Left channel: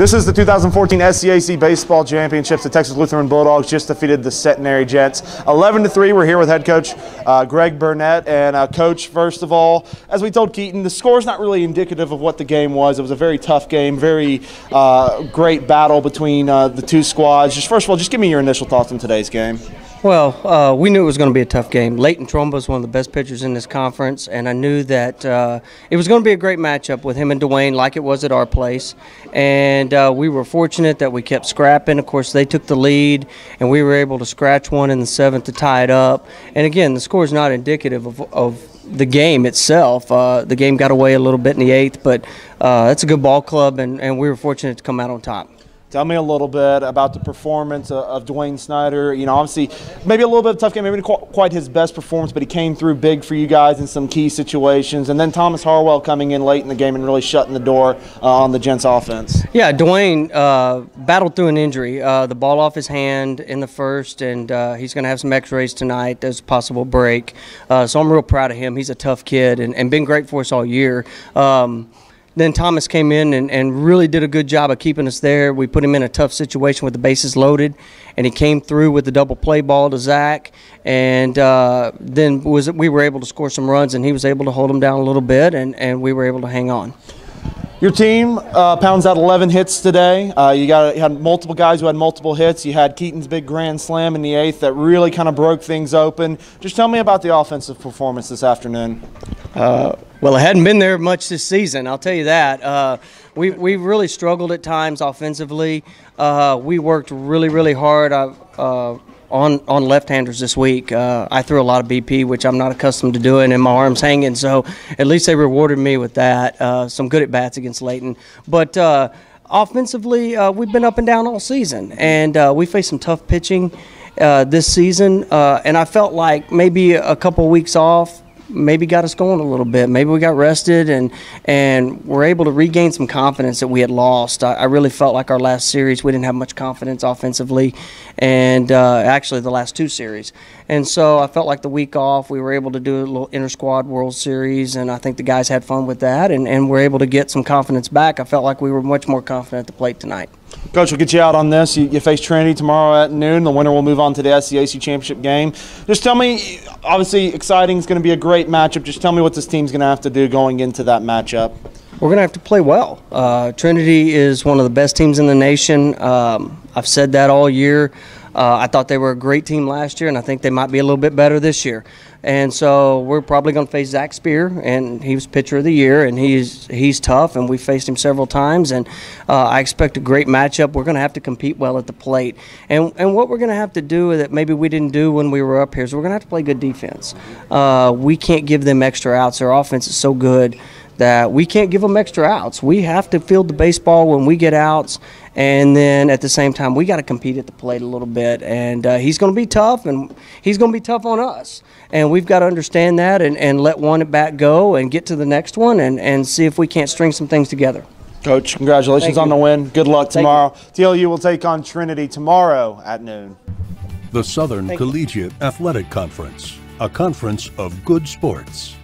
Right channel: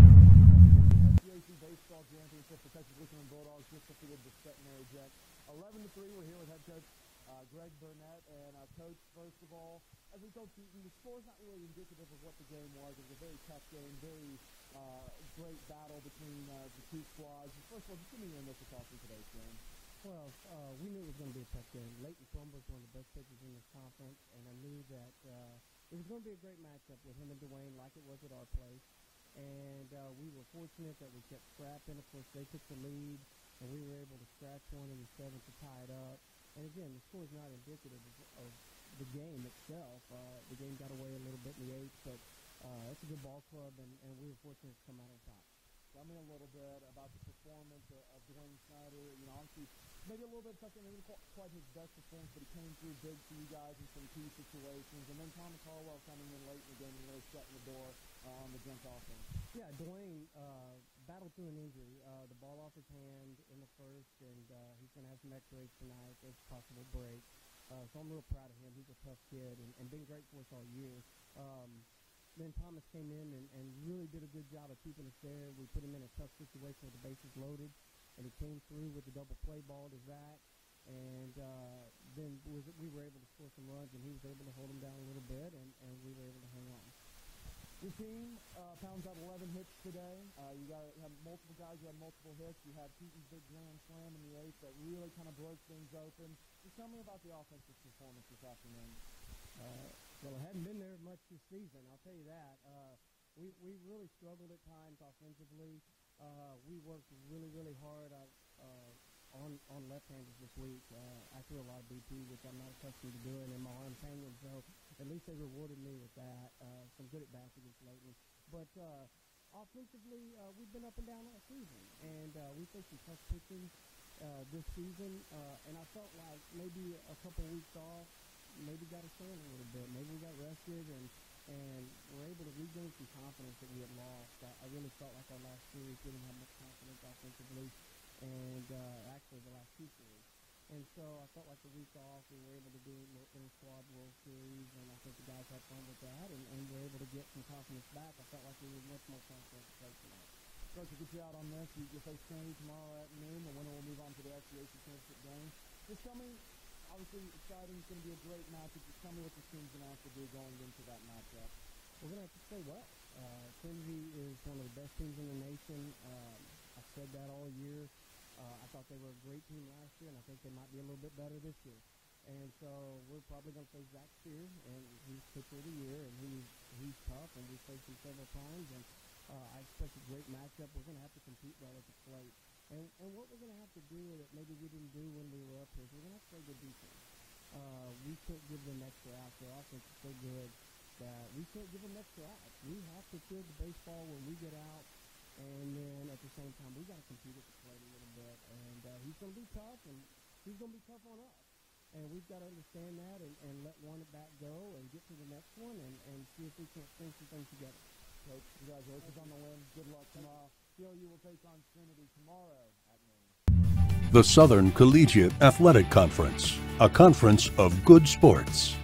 This is the 2014 SCAC Baseball Championships. The Texas Lutheran Bulldogs just defeated the Centenary Jets 11-3. We're here with head coach Greg Burnett. And coach, first of all, as we told Keaton, the score is not really indicative of what the game was. It was a very tough game, very great battle between the two squads. Just first of all, just give me your initial thoughts on today's game. Well, we knew it was going to be a tough game. Leighton Trumba is one of the best pitchers in this conference, and I knew that it was going to be a great matchup with him and Dwayne like it was at our place. And we were fortunate that we kept scrapping. Of course, they took the lead, and we were able to scratch one in the seventh to tie it up. And again, the score is not indicative of the game itself. The game got away a little bit in the eighth, but it's a good ball club, and we were fortunate to come out on top. Tell me a little bit about the performance of Dwayne Snyder. You know, obviously, maybe a little bit of a tough game, maybe not quite his best performance, but he came through big for you guys in some key situations. And then Thomas Harwell coming in late in the game and really shutting the door on the Gents offense. Yeah, Dwayne battled through an injury. The ball off his hand in the first, and he's going to have some x-rays tonight. There's a possible break. So I'm real proud of him. He's a tough kid and been great for us all year. Then Thomas came in and really did a good job of keeping us there. We put him in a tough situation with the bases loaded, and he came through with the double play ball to Zach. And then we were able to score some runs, and he was able to hold them down a little bit, and we were able to hang on. Your team pounds out 11 hits today. You had multiple guys who had multiple hits. You had Keaton's big grand slam in the eighth that really kind of broke things open. Just tell me about the offensive performance this afternoon. Well, it hadn't been there much this season, I'll tell you that. We really struggled at times offensively. We worked really hard on left-handers this week. I threw a lot of BP, which I'm not accustomed to doing, and my arm's hanging, so at least they rewarded me with that. Some good at-bats against Leighton. But offensively, we've been up and down all season, and we faced some tough pitching this season, and I felt like maybe a couple weeks off maybe got us going a little bit. Maybe we got rested and were able to regain some confidence that we had lost. I really felt like our last series we didn't have much confidence offensively, and actually the last two series. And so I felt like the week off we were able to do a little inter-squad World Series, and I think the guys had fun with that, and were able to get some confidence back. I felt like we were much more confident at the plate tonight. Coach, we'll get you out on this. You face Trinity tomorrow at noon. The winner will move on to the SCAC Championship game. Just tell me, obviously exciting, it's going to be a great matchup. Just tell me what this team's going to have to do going into that matchup. We're going to have to play well. Trinity is one of the best teams in the nation. I've said that all year. I thought they were a great team last year, and I think they might be a little bit better this year. And so we're probably going to face Zach Spear, and he was pitcher of the year, and he's tough, and we faced him several times. And I expect a great matchup. We're going to have to compete well at the plate. And what we're going to have to do that maybe we didn't do when we were up here is we're going to have to play good defense. We can't give them extra outs. Their offense is so good that we can't give them extra outs. We have to field the baseball when we get outs, and then at the same time we got to compete at the plate a little bit. And he's going to be tough, and he's going to be tough on us. And we've got to understand that and let one at bat go and get to the next one and see if we can't string some things together. Coach, congratulations on the win. Good luck tomorrow. TLU will take on Trinity tomorrow at noon. The Southern Collegiate Athletic Conference, a conference of good sports.